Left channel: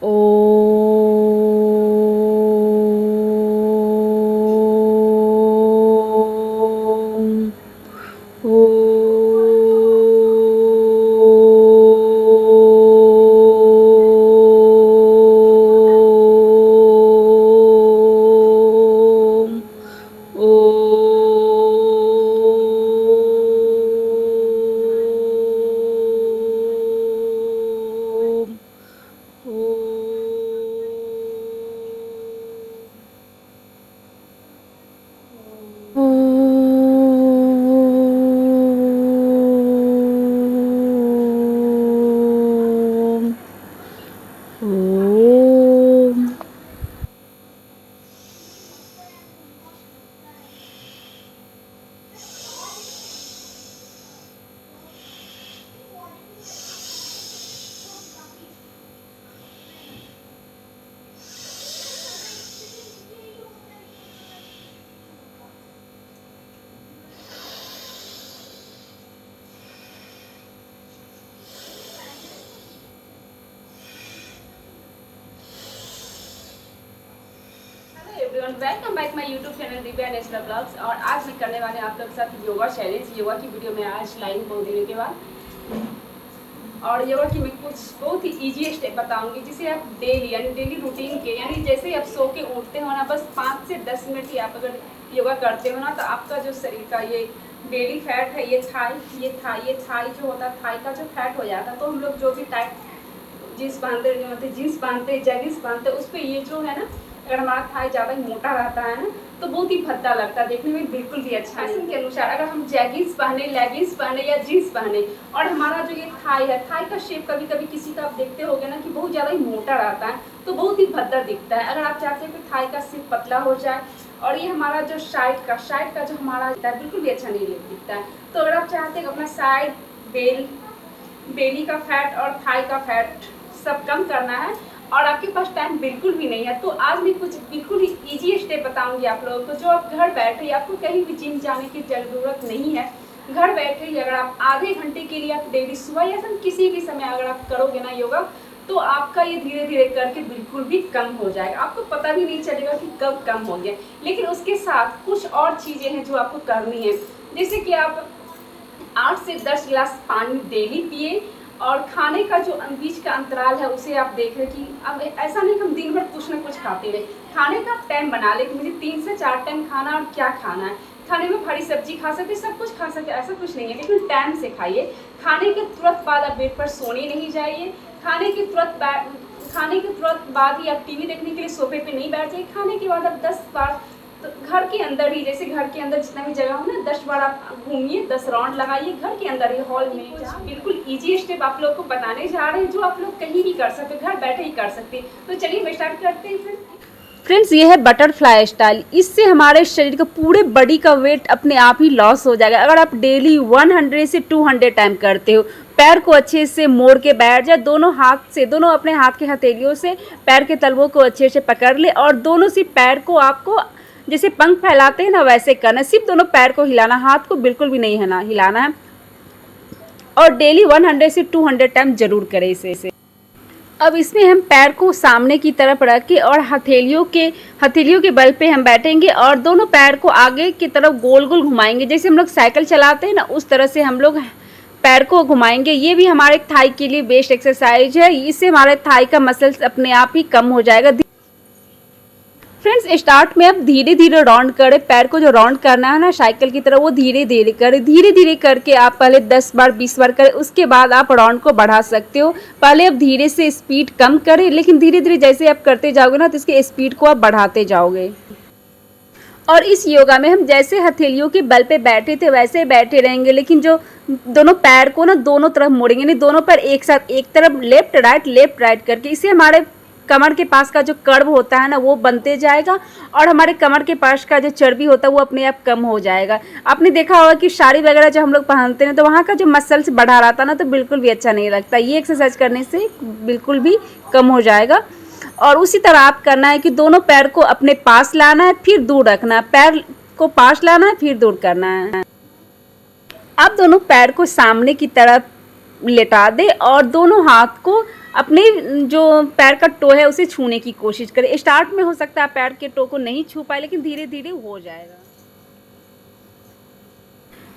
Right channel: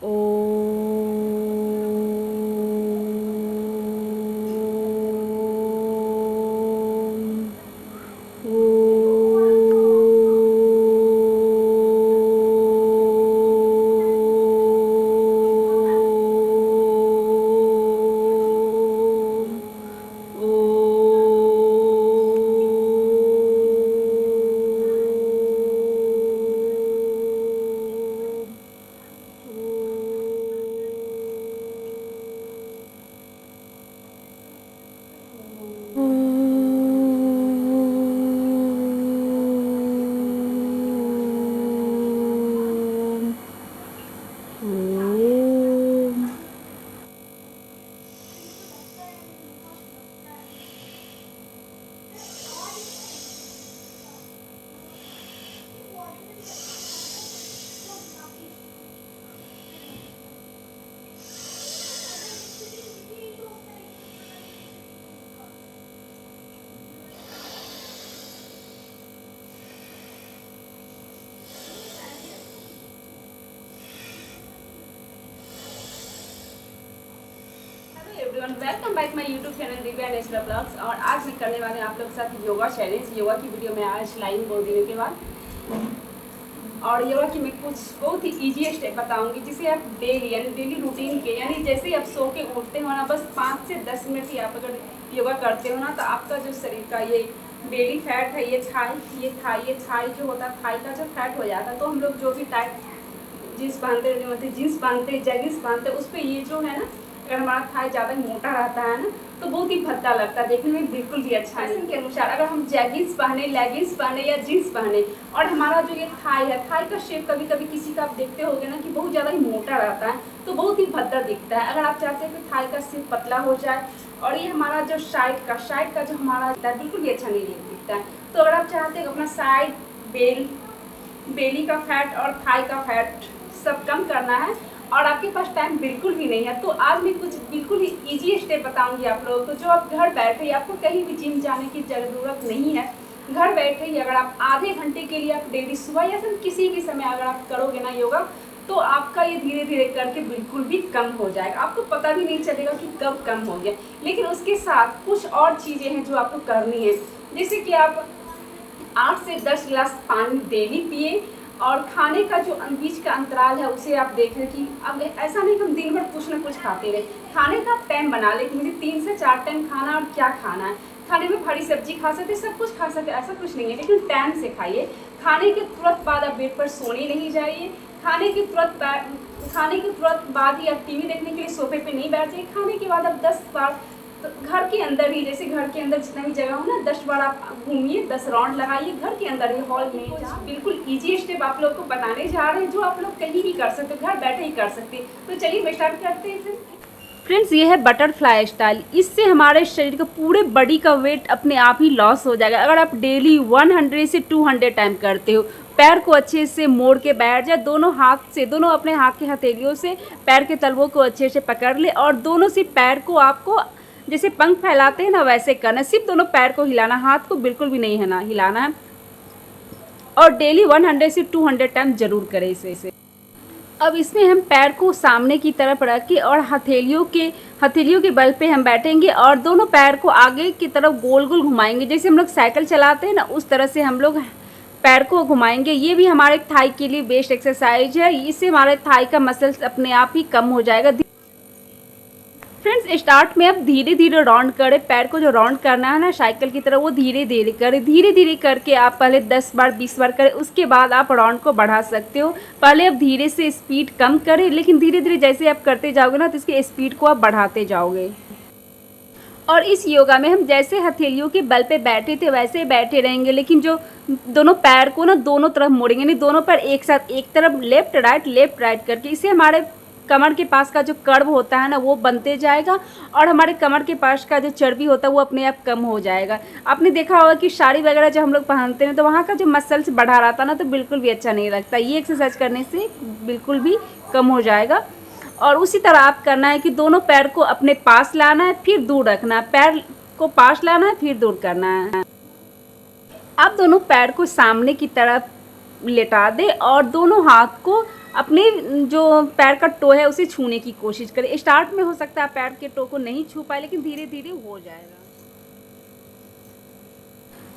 Om everyone, welcome back my YouTube channel Divya natural blogs. और आज मैं करने वाले हैं आप लोग के साथ योगा चैलेंज। योगा की वीडियो में आज लाइन बहुत दिनों के बाद, और योगा की मैं कुछ बहुत ही इजी स्टेप बताऊंगी जिसे आप डेली यानी डेली रूटीन के यानी जैसे ही आप सो के उठते हो ना, बस 5 से 10 मिनट ही आप अगर योगा करते हो ना, तो आपका जो शरीर का ये बेली फैट है, ये थाई जो होता है, थाई का जो फैट हो जाता है। तो हम लोग जो भी टाइट जीन्स पहनते मतलब जीन्स पहनते जैगिंग्स पहनते उस पर ये जो है ना, अगर हमारा थाई ज़्यादा मोटा रहता है ना, तो बहुत ही भद्दा लगता है, देखने में बिल्कुल भी अच्छा नहीं। के अनुसार अगर हम जैगिंग्स पहने, लेगिंग्स पहने या जीन्स पहने, और हमारा जो ये थाई है, थाई का शेप कभी कभी किसी का आप देखते होगे ना कि बहुत ज़्यादा ही मोटा रहता है, तो बहुत ही भद्दा दिखता है। अगर आप चाहते हो कि थाई का शेप पतला हो जाए और ये हमारा जो साइड का जो हमारा बिल्कुल भी अच्छा नहीं दिखता है, तो अगर आप चाहते हैं अपना साइड बेली का फैट और थाई का फैट सब कम करना है और आपके पास टाइम बिल्कुल भी नहीं है, तो आज मैं कुछ बिल्कुल ही इजी स्टेप बताऊंगी आप लोगों को, जो आप घर बैठे, आपको कहीं भी जिम जाने की ज़रूरत नहीं है। घर बैठे ही अगर आप आधे घंटे के लिए आप डेली सुबह या फिर किसी भी समय अगर आप करोगे ना योगा, तो आपका ये धीरे धीरे करके बिल्कुल भी कम हो जाएगा। आपको पता भी नहीं चलेगा कि कब कम हो गया। लेकिन उसके साथ कुछ और चीज़ें हैं जो आपको करनी है, जैसे कि आप 8 से 10 गिलास पानी डेली पिए, और खाने का जो बीच का अंतराल है उसे आप देख रहे कि अब ऐसा नहीं कि हम दिन भर कुछ ना कुछ खाते रहे। खाने का टाइम बना ले कि मुझे 3 से 4 टाइम खाना, और क्या खाना है। खाने में हरी सब्जी खा सकते, सब कुछ खा सकते, ऐसा कुछ नहीं है, लेकिन टाइम से खाइए। खाने के तुरंत बाद आप बेड पर सोने नहीं जाइए। खाने के तुरंत बाद ही आप टीवी देखने के लिए सोफे पे नहीं बैठ जाइए। खाने के बाद आप 10 बार, तो घर के अंदर ही, जैसे घर के अंदर जितना भी जगह हो ना, 10 बार आप घूमिए, 10 राउंड लगाइए घर के अंदर ही, हॉल में। बिल्कुल इजी स्टेप आप लोग को बताने जा रहे हैं जो आप लोग कहीं भी कर सकते, घर बैठे ही कर सकते। तो चलिए मैं स्टार्ट करते हैं फिर। फ्रेंड्स, ये है बटरफ्लाई स्टाइल। इससे हमारे शरीर का पूरे बॉडी का वेट अपने आप ही लॉस हो जाएगा। अगर आप डेली 100 से 200 टाइम करते हो, पैर को अच्छे से मोड़ के बैठ जाए, दोनों हाथ से, दोनों अपने हाथ के हथेलियों से पैर के तलवों को अच्छे से पकड़ ले, और दोनों से पैर को आपको जैसे पंख फैलाते हैं ना वैसे करना। सिर्फ दोनों पैर को हिलाना, हाथ को बिल्कुल भी नहीं है हिलाना है, और डेली 100 से 200 टाइम जरूर करें इसे। अब इसमें हम पैर को सामने की तरफ रख के और हथेलियों के बल पे हम बैठेंगे, और दोनों पैर को आगे की तरफ गोल गोल घुमाएंगे, जैसे हम लोग साइकिल चलाते हैं ना, उस तरह से हम लोग पैर को घुमाएंगे। ये भी हमारे थाई के लिए बेस्ट एक्सरसाइज है। इससे हमारे थाई का मसल्स अपने आप ही कम हो जाएगा। फ्रेंड्स, स्टार्ट में आप धीरे धीरे राउंड करें। पैर को जो राउंड करना है ना साइकिल की तरह, वो धीरे धीरे करें। धीरे धीरे करके आप पहले 10 बार 20 बार करें, उसके बाद आप राउंड को बढ़ा सकते हो। पहले आप धीरे से स्पीड कम करें, लेकिन धीरे धीरे जैसे आप करते जाओगे ना, तो इसके स्पीड को आप बढ़ाते जाओगे। और इस योगा में हम जैसे हथेलियों के बल पे बैठे थे वैसे बैठे रहेंगे, लेकिन जो दोनों पैर को ना दोनों तरफ मोड़ेंगे नहीं, दोनों पैर एक साथ, एक तरफ लेफ्ट राइट करके। इससे हमारे कमर के पास का जो कर्व होता है ना, वो बनते जाएगा, और हमारे कमर के पास का जो चर्बी होता है वो अपने आप कम हो जाएगा। आपने देखा होगा कि साड़ी वगैरह जब हम लोग पहनते हैं तो वहाँ का जो मसल्स बढ़ा रहता है ना, तो बिल्कुल भी अच्छा नहीं लगता। ये एक्सरसाइज करने से बिल्कुल भी कम हो जाएगा। और उसी तरह आप करना है कि दोनों पैर को अपने पास लाना है, फिर दूर रखना है, पैर को पास लाना है, फिर दूर करना है। आप दोनों पैर को सामने की तरफ लेटा दें, और दोनों हाथ को अपने जो पैर का टो है उसे छूने की कोशिश करें। स्टार्ट में हो सकता है आप पैर के टो को नहीं छू पाए, लेकिन धीरे धीरे हो जाएगा।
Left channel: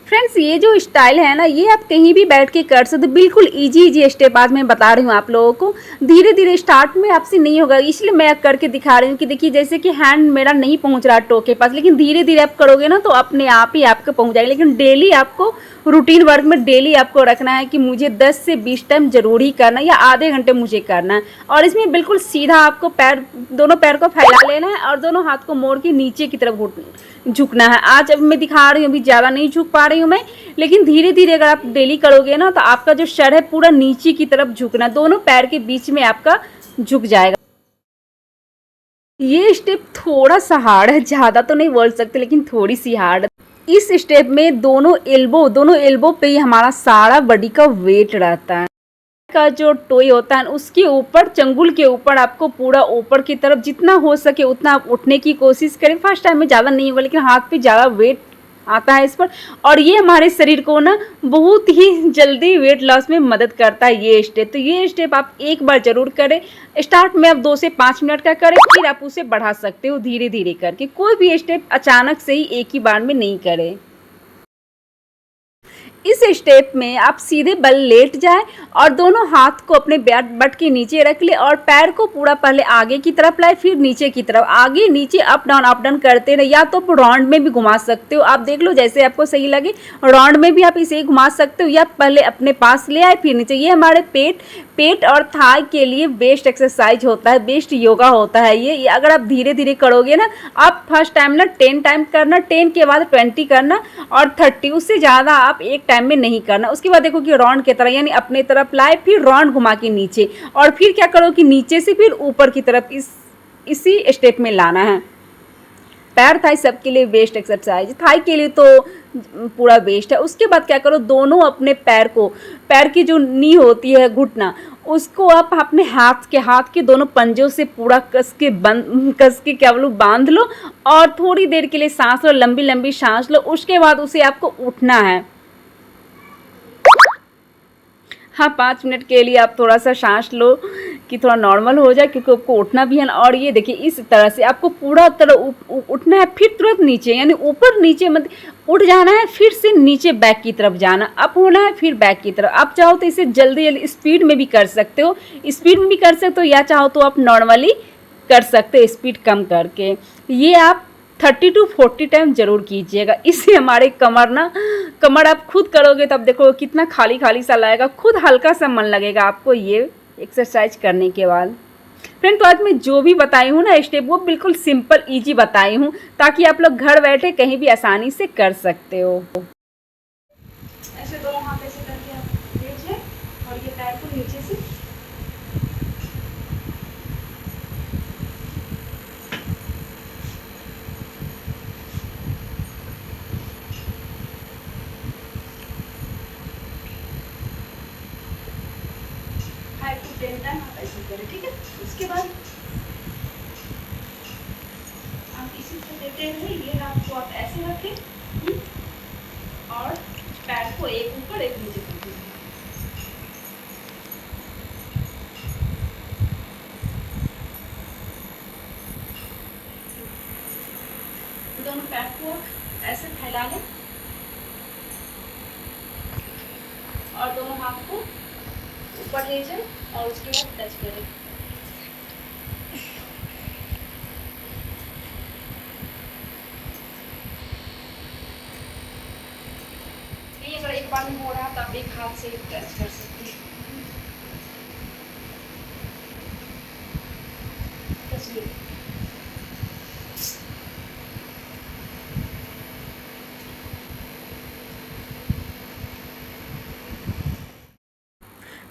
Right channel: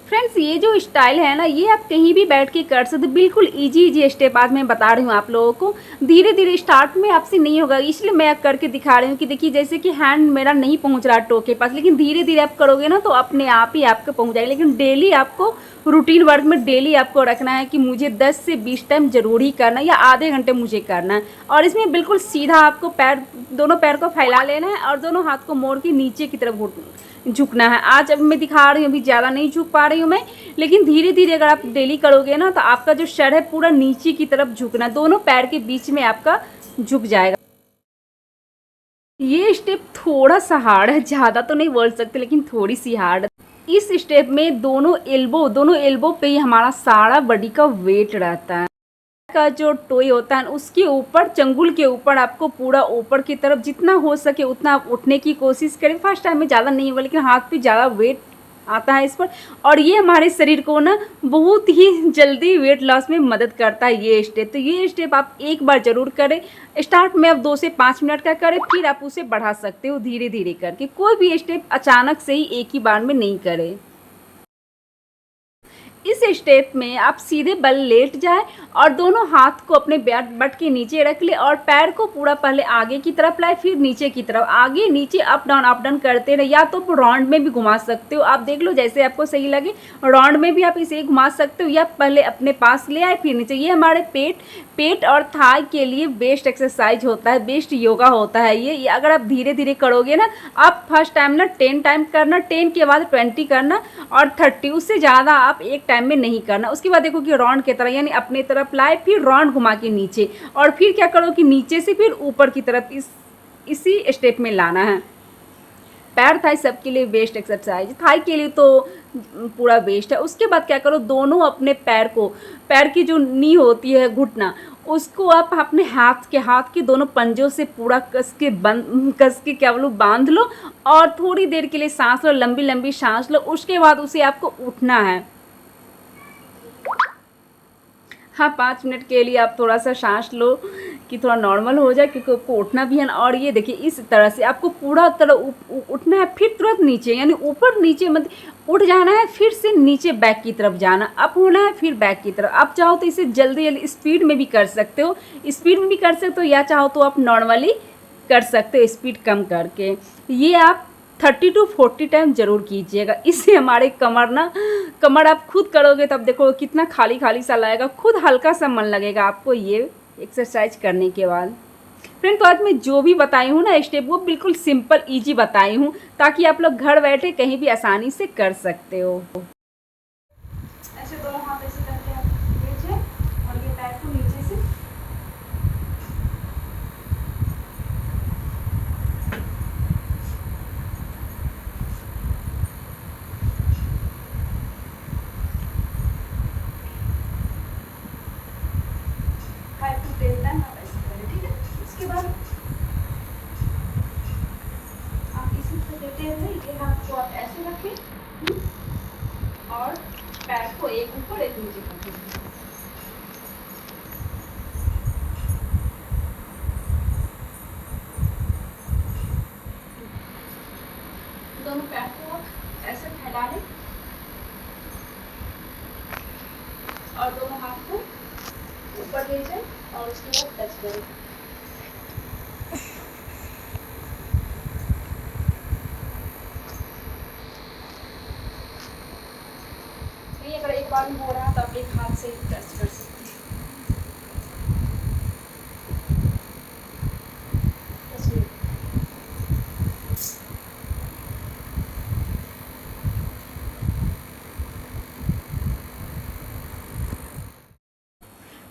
फ्रेंड्स, ये जो स्टाइल है ना, ये आप कहीं भी बैठ के कर सकते हो। बिल्कुल इजी स्टेप आज मैं बता रही हूँ आप लोगों को। धीरे धीरे स्टार्ट में आपसे नहीं होगा, इसलिए मैं करके दिखा रही हूँ कि देखिए जैसे कि हैंड मेरा नहीं पहुँच रहा टो के पास, लेकिन धीरे धीरे आप करोगे ना तो अपने आप ही आपको पहुँच जाएगा। लेकिन डेली आपको रूटीन वर्क में डेली आपको रखना है कि मुझे 10 से 20 टाइम जरूर ही करना है, या आधे घंटे मुझे करना है। और इसमें बिल्कुल सीधा आपको पैर, दोनों पैर को फैला लेना है और दोनों हाथ को मोड़ के नीचे की तरफ झुकना है। आज अब मैं दिखा रही हूँ, अभी ज़्यादा नहीं झुक पा रही हूँ मैं, लेकिन धीरे धीरे अगर आप डेली करोगे ना तो आपका जो सर है पूरा नीचे की तरफ झुकना, दोनों पैर के बीच में आपका झुक जाएगा। ये स्टेप थोड़ा सा हार्ड है, ज़्यादा तो नहीं बोल सकते लेकिन थोड़ी सी हार्ड है। इस स्टेप में दोनों एल्बो पे ही हमारा सारा बॉडी का वेट रहता है। का जो टोई होता है उसके ऊपर, चंगुल के ऊपर आपको पूरा ऊपर की तरफ जितना हो सके उतना आप उठने की कोशिश करें। फर्स्ट टाइम में ज़्यादा नहीं होगा, लेकिन हाथ पे ज़्यादा वेट आता है इस पर, और ये हमारे शरीर को ना बहुत ही जल्दी वेट लॉस में मदद करता है ये स्टेप। तो ये स्टेप आप एक बार जरूर करें। स्टार्ट में आप 2 से 5 मिनट का करें, फिर आप उसे बढ़ा सकते हो धीरे धीरे करके। कोई भी स्टेप अचानक से ही एक ही बार में नहीं करें। इस स्टेप में आप सीधे बल लेट जाए और दोनों हाथ को अपने बट के नीचे रख ले और पैर को पूरा पहले आगे की तरफ लाए, फिर नीचे की तरफ, आगे नीचे अप डाउन करते रहे। या तो राउंड में भी घुमा सकते हो, आप देख लो जैसे आपको सही लगे। राउंड में भी आप इसे घुमा सकते हो, या पहले अपने पास ले आए फिर नीचे। ये हमारे पेट और थाई के लिए बेस्ट एक्सरसाइज होता है, बेस्ट योगा होता है ये। अगर आप धीरे धीरे करोगे ना, आप फर्स्ट टाइम ना 10 टाइम करना, 10 के बाद 20 करना और 30, उससे ज़्यादा आप एक टाइम में नहीं करना। उसके बाद देखो कि राउंड की तरह, यानी अपने तरफ लाए फिर राउंड घुमा के नीचे, और फिर क्या करो कि नीचे से फिर ऊपर की तरफ इसी स्टेप में लाना है। पैर थाई सबके लिए बेस्ट एक्सरसाइज, थाई के लिए तो पूरा बेस्ट है। उसके बाद क्या करो, दोनों अपने पैर की जो नी होती है, घुटना, उसको आप अपने हाथ के दोनों पंजों से पूरा कस के क्या बोलूं बांध लो, और थोड़ी देर के लिए सांस लो, लंबी लंबी सांस लो। उसके बाद उसे आपको उठना है। हाँ, 5 मिनट के लिए आप थोड़ा सा सांस लो कि थोड़ा नॉर्मल हो जाए, क्योंकि आपको उठना भी है ना। और ये देखिए इस तरह से आपको पूरा तरह उठना है, फिर तुरंत नीचे, यानी ऊपर नीचे मत उठ जाना है, फिर से नीचे बैक की तरफ जाना, अप होना है फिर बैक की तरफ। आप चाहो तो इसे जल्दी जल्दी स्पीड में भी कर सकते हो, या चाहो तो आप नॉर्मली कर सकते हो स्पीड कम करके। ये आप 30 to 40 टाइम जरूर कीजिएगा। इससे हमारे कमर आप खुद करोगे तब देखो कितना खाली खाली सा लगेगा, खुद हल्का सा मन लगेगा आपको ये एक्सरसाइज करने के बाद। फ्रेंड, तो आज मैं जो भी बताई हूँ ना स्टेप, वो बिल्कुल सिंपल इजी बताई हूँ, ताकि आप लोग घर बैठे कहीं भी आसानी से कर सकते हो। ऐसे दोनों हाथ ऐसे करके आप लेट जाए और ये पैर को नीचे से आप ऐसे करें, ठीक है। उसके बाद आप इसी से देते हुए ये हाथ को आप ऐसे रखें और पैर को एक ऊपर एक नीचे कर दीजिए। दोनों पैर को ऐसे फैला लें और दोनों हाथ को ऊपर ले जाए और उसके बाद टच करें। नहीं, अगर एक बार में हो रहा है तो आप एक हाथ से ही टच कर सकते हैं।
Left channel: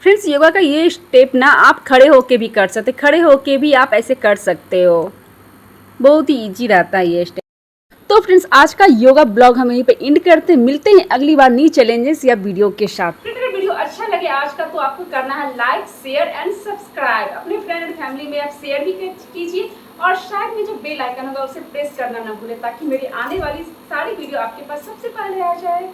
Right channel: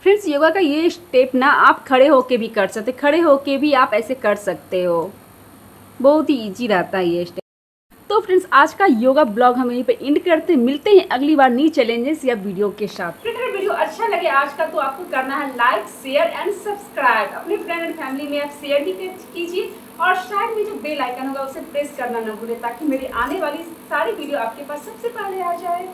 फ्रेंड्स, योगा का ये स्टेप ना आप खड़े होके भी कर सकते, खड़े होके भी आप ऐसे कर सकते हो, बहुत ही इजी रहता है ये स्टेप। तो फ्रेंड्स, आज का योगा ब्लॉग हम यहीं पे एंड करते हैं। मिलते हैं अगली बार न्यू चैलेंजेस या वीडियो के साथ। अगर वीडियो अच्छा लगे आज का तो आपको करना है लाइक, शेयर एंड सब्सक्राइब। अपने फ्रेंड एंड फैमिली में आप शेयर भी कीजिए, और साइड में जो बेल आइकन होगा उसे प्रेस करना ना भूलें, ताकि मेरी आने वाली सारी वीडियो आपके पास सबसे पहले आ जाए।